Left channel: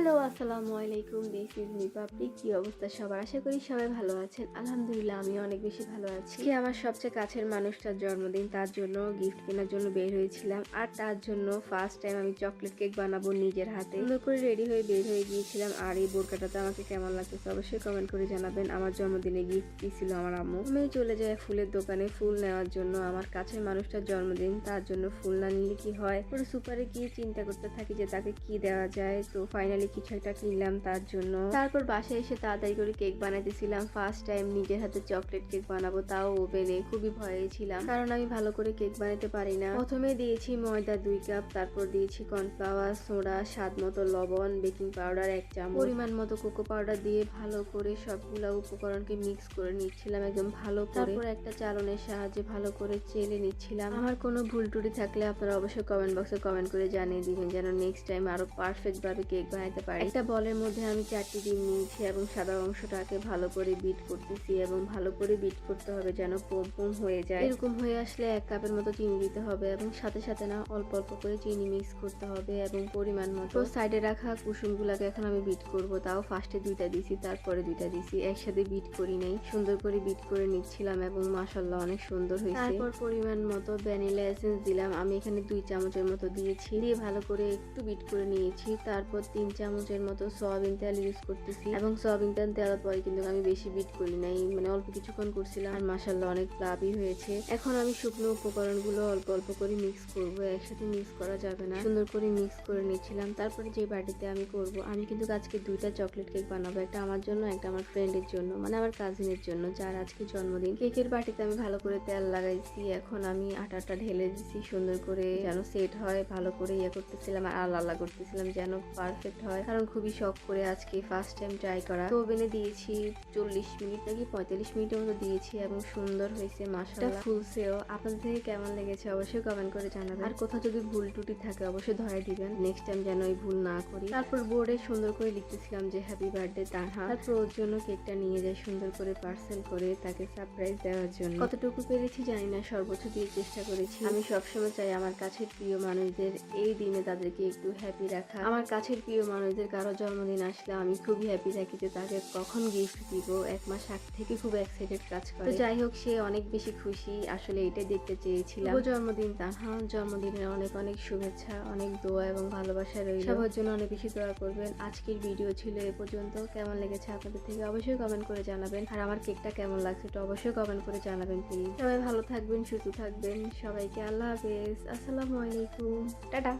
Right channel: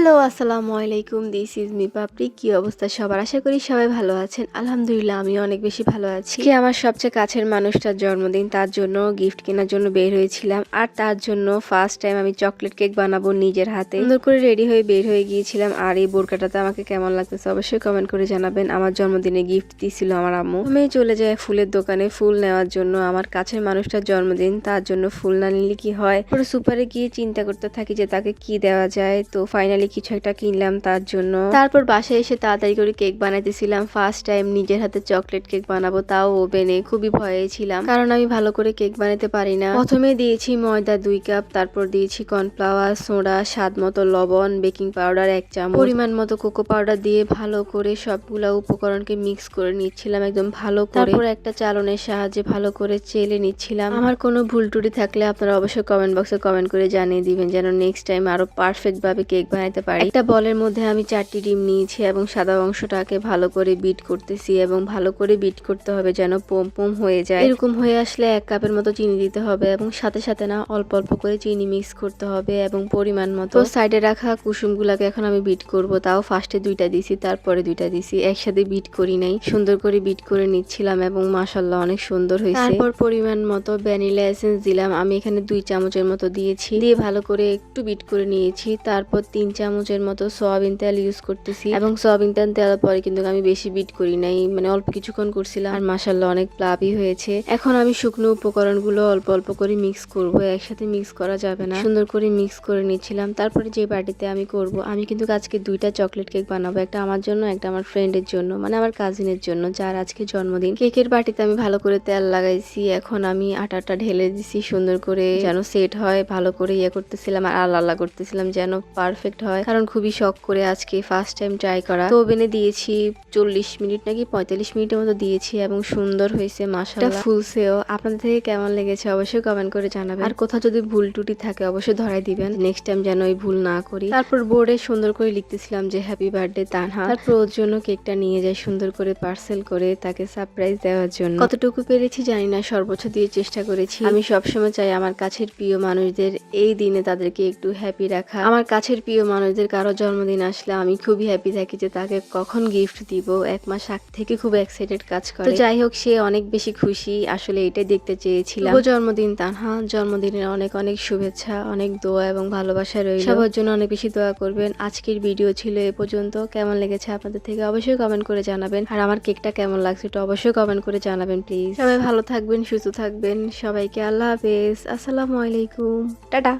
Hello, আসসালামু আলাইকুম। This is me পাপড়ি। কি অবস্থা সবার? আশা করি সবাই ভালো আছেন। আলহামদুলিল্লাহ আমিও অনেক বেশি ভালো আছি। আজকে আমার সবচেয়ে কাছের মানুষটার জন্মদিন। তার জন্য গিফট কেনার জন্য বের হয়েছিলাম। আর তার জন্য ফার্স্ট টাইম আমি চকলেট কেক বানাবো নিজের হাতে। সুন্দর করে রেডি হয়ে বের হয়ে গিয়েছিলাম। আর এই বোরকাটাতে আমাকে কেমন লাগতেছে অবশ্যই কমেন্ট করে জানাবেন। আমার জন্মদিনে গিফট দিয়েছিল আমার আম্মু। আমি চলে যাই ফুলের দোকানে ফুল নেওয়ার জন্য। আমার কাছের মানুষটার জন্মদিন, তার জন্য ফুল না নিলে কি হয়। পুরো সুপারে গিয়ে চিন্তা করতে থাকি যে তাকে কি দেওয়া যায়। তো ফাইনালি কিছু একটা কিনলাম তার জন্য। তারপর বাসায় এসে তাড়াতাড়ি করে কেক বানাইতেছিলাম। ফার্স্ট টাইম নিজের হাতে চকলেট কেক বানাবো, তাও ওভেনে। খুবই ভয়ে ছিলাম কারণ আমি ভালো করে কেক বানাতে পারি না। প্রথমে দিয়েছি ময়দা 2 কাপ, তারপর দিয়েছি কর্নফ্লাওয়ার, সোডা, স্বাদ মতো লবণ, বেকিং পাউডার 1 চামচ, পরিমাণ মতো কোকো পাউডার দিয়ে ভালো করে সবগুলা উপকরণকে মিক্স করে নিচ্ছিলাম একদম ভালো করে। তারপর একটা চালনের সাহায্যে ভালো করে চেলে নিচ্ছিলাম। আমার কোনো ভুল টুটি থাকলে আপনারা অবশ্যই কমেন্ট বক্সে কমেন্ট করে জানিয়ে দিবেন যেন নেক্সট টাইম আরো পারফেক্ট ভাবে কেক বানাতে পারি। একটা বলের মধ্যে আমি 4টি ডিম নিয়েছি এবং সাদা অংশটাকে ভালো করে বিট করতেছি এবং ভালো করে বিট করতে হবে যেন পোম পোম হয়ে যায়। এরকম হয়ে আসলে 1 কাপের মতো চিনি দিতে হবে এবং সাথে সাথে না অল্প অল্প করে চিনি মিক্স করতে হবে এবং পরিমাণ মতো। সাইডে রাখা কুসুমগুলাকে এখন আমি বিট করব। তাও ফার্স্টে 2টা দিছি, তারপরে 2টা দিছি, একসাথে বিট করি নাই। সুন্দর করে বিট করে নিচ্ছিলাম এবং মাশাআল্লাহ অনেক সুন্দর হয়েছে। তারপর পরিমাণ মতো ভ্যানিলা এসেন্স দিলাম। আমি এখানে 2 চামচের মতো দিয়েছি, দিয়ে ভালো করে একটু বিট করে নিয়েছি। তারপর 3 চামচের মতো সয়াবিন তেল ইউজ করতেছি এবং সয়াবিন তেল দেওয়ার পরে কিন্তু আমি বেশি বিট করি নাই, মানে অল্প কিছুক্ষণ করছিলাম। আর মাশাআল্লাহ অনেক প্লাবি হয়েছে। এখন আমি শুকনো উপকরণগুলো অল্প অল্প করে মিক্স করব, একসাথে মিক্স করা যাবে না। সুন্দর করে মিক্স করে নিচ্ছিলাম। তারপরে যে বাটিতে আমি করব, আমি কিন্তু আজকে 2টা চকলেট কেক বানাবো, একটা আমার জন্য একটা আমার ফ্রেন্ডের জন্য, মানে আমার কাজিনের জন্য যার আজকে জন্মদিন। কেকের বাটিতে আমি ভালো করে তেল লাগাইছি। এখন আমি আটাটা ঢেলে দিছি সুন্দর করে যেন সেট হয়। ভালো করে করতেছিলাম আর আল্লাহ করতেছিলাম যেন পারফেক্ট হয়, কারণ খুবই শখ করে আজকে ফার্স্ট টাইম ট্রাই করা। তো ওভেনে দিয়েছি 40 মিনিট নাকি 45 মিনিটের মতো দিয়েছি এবং সুন্দর হয়েছে মাশাআল্লাহ। ফুলছেও। আপনাদের থেকে কেমন লেগেছে অবশ্যই কমেন্ট করে জানাবেন। আর কোথাও যদি ভুল টুটি থাকে অবশ্যই ধরাই দিবেন, নেক্সট টাইম যেন ওই ভুল না করি। তারপর বোর্ডে সুন্দর করে লিখতেছিলাম যে হ্যাপি বার্থডে তানহা। তারপর ওর জন্য কেকটা নিয়ে যাই সুন্দর করে পার্সেল করে তাকে সারপ্রাইজ দেওয়ার জন্য। কতটুকু পেরেছি জানি না, সর্বোচ্চ দিয়ে চেষ্টা করেছি। আমি সবসময় চাই আমার কাছের প্রিয় মানুষদের এই দিনে তাদেরকে একটু হ্যাপি রাখা। আমার কাছের প্রিয় মানুষদের কারো জন্মদিন আসলে আমি খুবই হ্যাপি থাকি যে তাকে কখন গিফট দিব। 1 মাস আগ থেকে খুব এক্সাইটেড কাজ করে। তো যাই হোক, সে অনেক বেশি খুশি, আসলে এটাই দেখতে চেয়েছিলাম। শুভ জন্মদিন তানহা, জন্মদিনের অনেক অনেক শুভেচ্ছা, অনেক দোয়া এবং ভালোবাসা রইল। সবার জন্য অনেক বেশি দোয়া করবেন। আজকের ভিডিও ছিল এ পর্যন্ত। কেমন লেগেছে আপনাদের থেকে অবশ্যই কমেন্ট করে জানাবেন। আর আমার কেকটা কেমন লাগছে এটা অবশ্যই কমেন্ট করে জানাবেন প্লিজ। সবাই ভালো থাকবেন, সুস্থ থাকবেন। সবাইকে আল্লাহ হাফেজ, আসসালামু আলাইকুম, টাটা।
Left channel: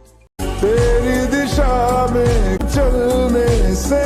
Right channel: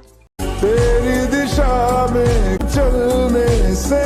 तेरी दिशा में चलने से